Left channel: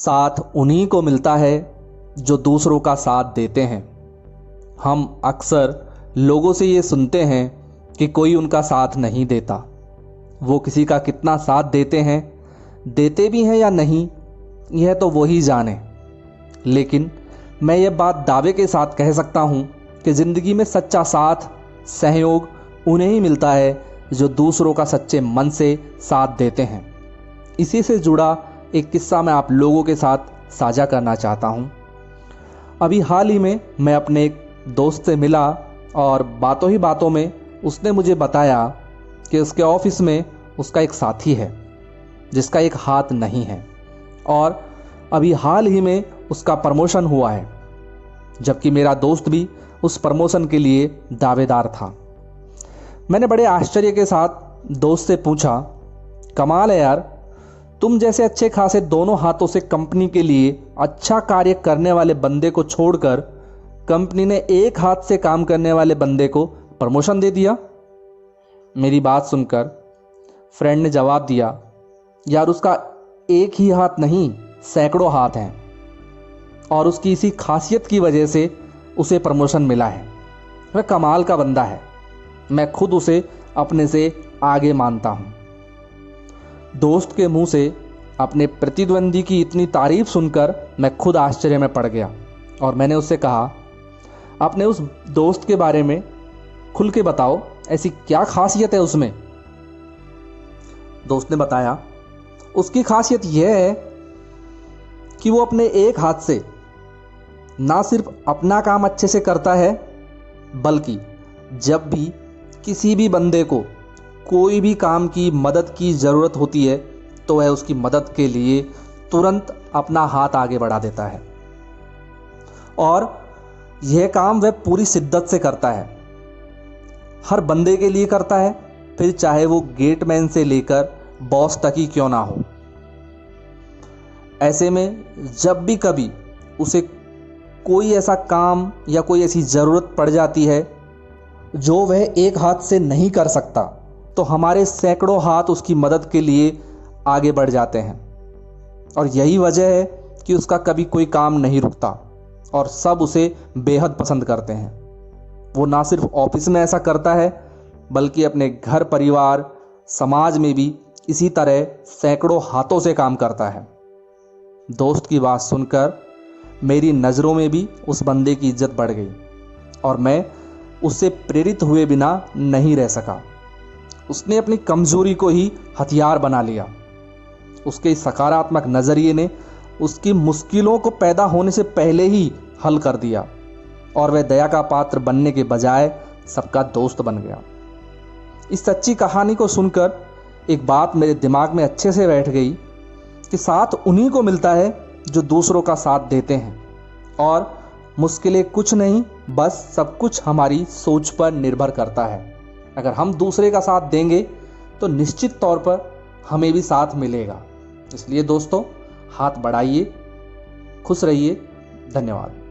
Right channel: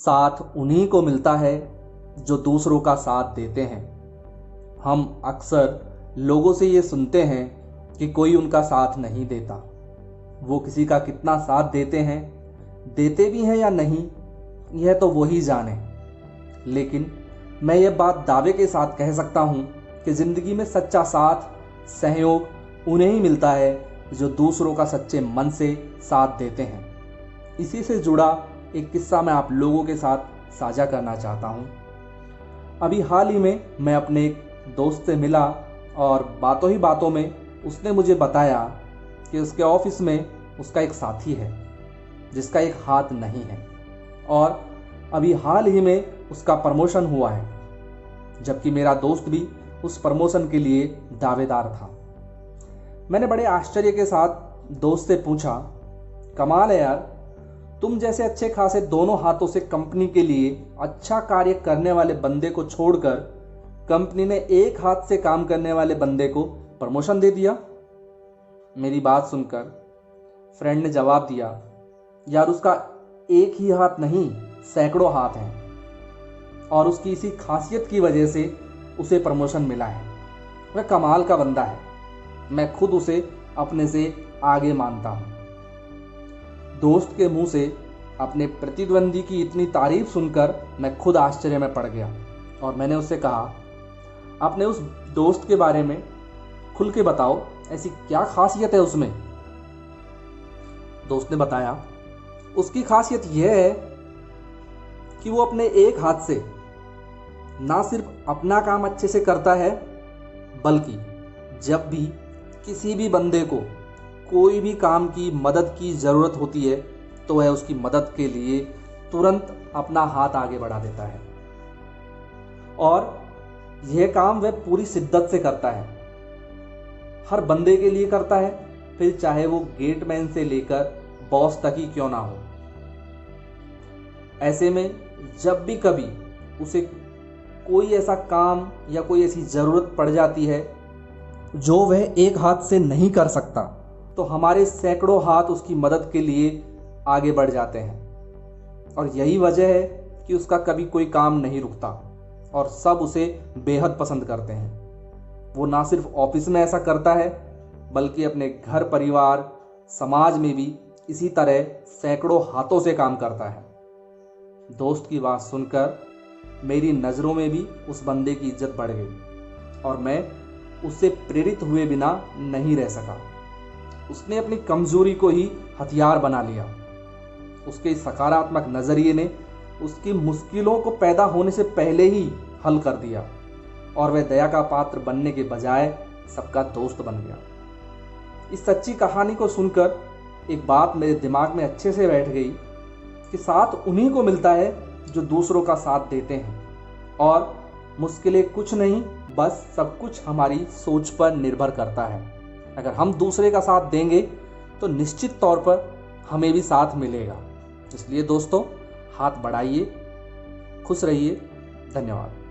साथ उन्हीं को मिलता है जो दूसरों का साथ देते हैं। हम अक्सर लोगों से ये सुनते हैं कि कोई उनका साथ नहीं देता। वो किसी का कितना साथ देते हैं, देते भी हैं या नहीं, यह तो वो ही जाने। लेकिन मैं ये बात दावे के साथ कह सकता हूँ कि ज़िंदगी में सच्चा साथ, सहयोग उन्हें ही मिलता है जो दूसरों का सच्चे मन से साथ देते हैं। इसी से जुड़ा एक किस्सा मैं आप लोगों के साथ साझा करना चाहता हूँ। अभी हाल ही में मैं अपने एक दोस्त से मिला और बातों ही बातों में उसने मुझे बताया कि उसके ऑफिस में उसका एक साथी है जिसका एक हाथ नहीं है और अभी हाल ही में उसका प्रमोशन हुआ है, जबकि मेरा दोस्त भी उस प्रमोशन के लिए दावेदार था। मैंने बड़े आश्चर्य के साथ दोस्त से पूछा, कमाल है यार, तुम जैसे अच्छे खासे दोनों हाथों से कंपनी के लिए अच्छा कार्य करने वाले बंदे को छोड़कर कंपनी ने एक हाथ से काम करने वाले बंदे को प्रमोशन दे दिया। मेरी बात सुनकर फ्रेंड ने जवाब दिया, यार उसका एक ही हाथ नहीं, सैकड़ों हाथ हैं और उसकी इसी खासियत की वजह से उसे प्रमोशन मिला है। वह कमाल का बंदा है, मैं खुद उसे अपने से आगे मानता हूँ। दोस्त के मुंह से अपने प्रतिद्वंदी की इतनी तारीफ सुनकर मैं खुद आश्चर्य में पड़ गया और मैंने उससे कहा, आपने उस दोस्त के बारे में खुल के बताओ, ऐसी क्या खासियत है उसमें। दोस्त ने बताया, उसकी खासियत यह है कि वो अपने एक हाथ से ना सिर्फ अपना काम अच्छे से करता है, बल्कि जब भी किसी भी बंदे को कोई भी काम की मदद की ज़रूरत होती है तो वह उसकी मदद के लिए तुरंत अपना हाथ आगे बढ़ा देता है और यह काम वह पूरी शिद्दत से करता है। हर बंदे के लिए करता है, फिर चाहे वो गेटमैन से लेकर बॉस तक ही क्यों ना हो। ऐसे में जब भी कभी उसे कोई ऐसा काम या कोई ऐसी ज़रूरत पड़ जाती है जो वह एक हाथ से नहीं कर सकता, तो हमारे सैकड़ों हाथ उसकी मदद के लिए आगे बढ़ जाते हैं। और यही वजह है कि उसका कभी कोई काम नहीं रुकता और सब उसे बेहद पसंद करते हैं। वो ना सिर्फ ऑफिस में ऐसा करता है, बल्कि अपने घर परिवार समाज में भी इसी तरह सैकड़ों हाथों से काम करता है। दोस्त की बात सुनकर मेरी नज़रों में भी उस बंदे की इज्जत बढ़ गई और मैं उससे प्रेरित हुए बिना नहीं रह सका। उसने अपनी कमज़ोरी को ही हथियार बना लिया। उसके सकारात्मक नज़रिए ने उसकी मुश्किलों को पैदा होने से पहले ही हल कर दिया और वह दया का पात्र बनने के बजाय सबका दोस्त बन गया। इस सच्ची कहानी को सुनकर एक बात मेरे दिमाग में अच्छे से बैठ गई कि साथ उन्हीं को मिलता है जो दूसरों का साथ देते हैं और मुश्किलें कुछ नहीं, बस सब कुछ हमारी सोच पर निर्भर करता है। अगर हम दूसरे का साथ देंगे तो निश्चित तौर पर हमें भी साथ मिलेगा। इसलिए दोस्तों, हाथ बढ़ाइए, खुश रहिए। धन्यवाद।